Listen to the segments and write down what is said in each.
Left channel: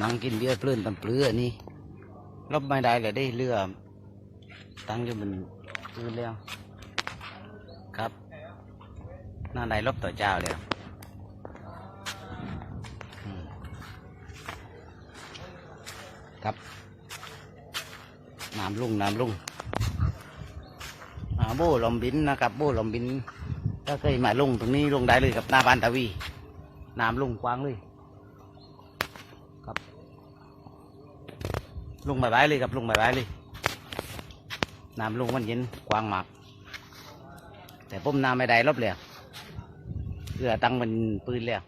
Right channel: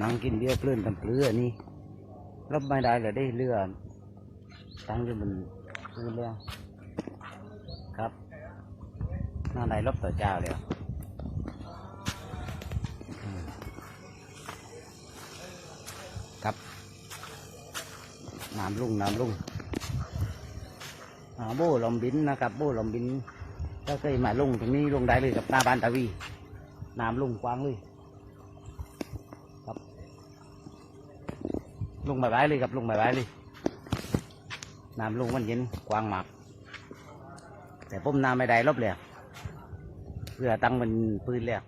นั่งกินเบียร์เพลินตำเปลือนี่รบไม่ได้เลยได้เรือตั้งอยู่บนพื้นแล้ว ครับหน้าไหนรบต่อเจ้าแล้วครับน้ำลุ่งน้ำลุ่งอาโบ้ลมบินนะครับโบ้ลมบินถ้าเคยมาลงตรงนี้ลงได้เลยกับหน้าบ้านตาวีน้ำลุ่งกว้างเลย ครับ ลงบายๆเลยครับลงบายๆเลยน้ำลงมันเย็นกว้างมาก แต่ผมน้ำไม่ได้รบเลยเรือตั้งมันปืนแล้ว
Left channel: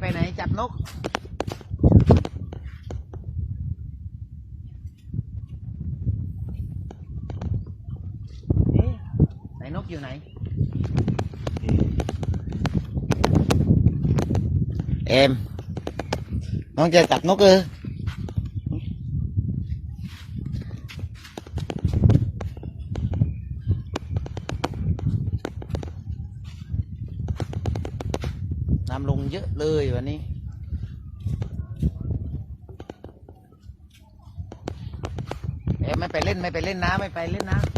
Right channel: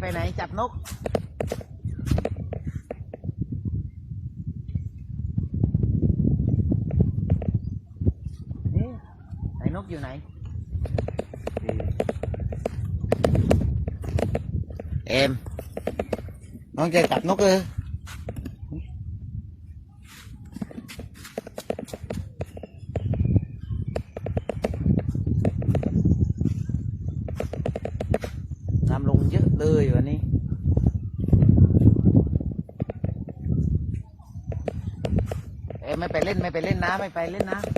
ไป ไหนไปไหนจับนกเอ๊ะไห น้ำลงเยอะเลยวันนี้ เอ๊ะไม่ไปเล่นไม่ไปเล่นน้ำไม่ไปเล่นน้ำ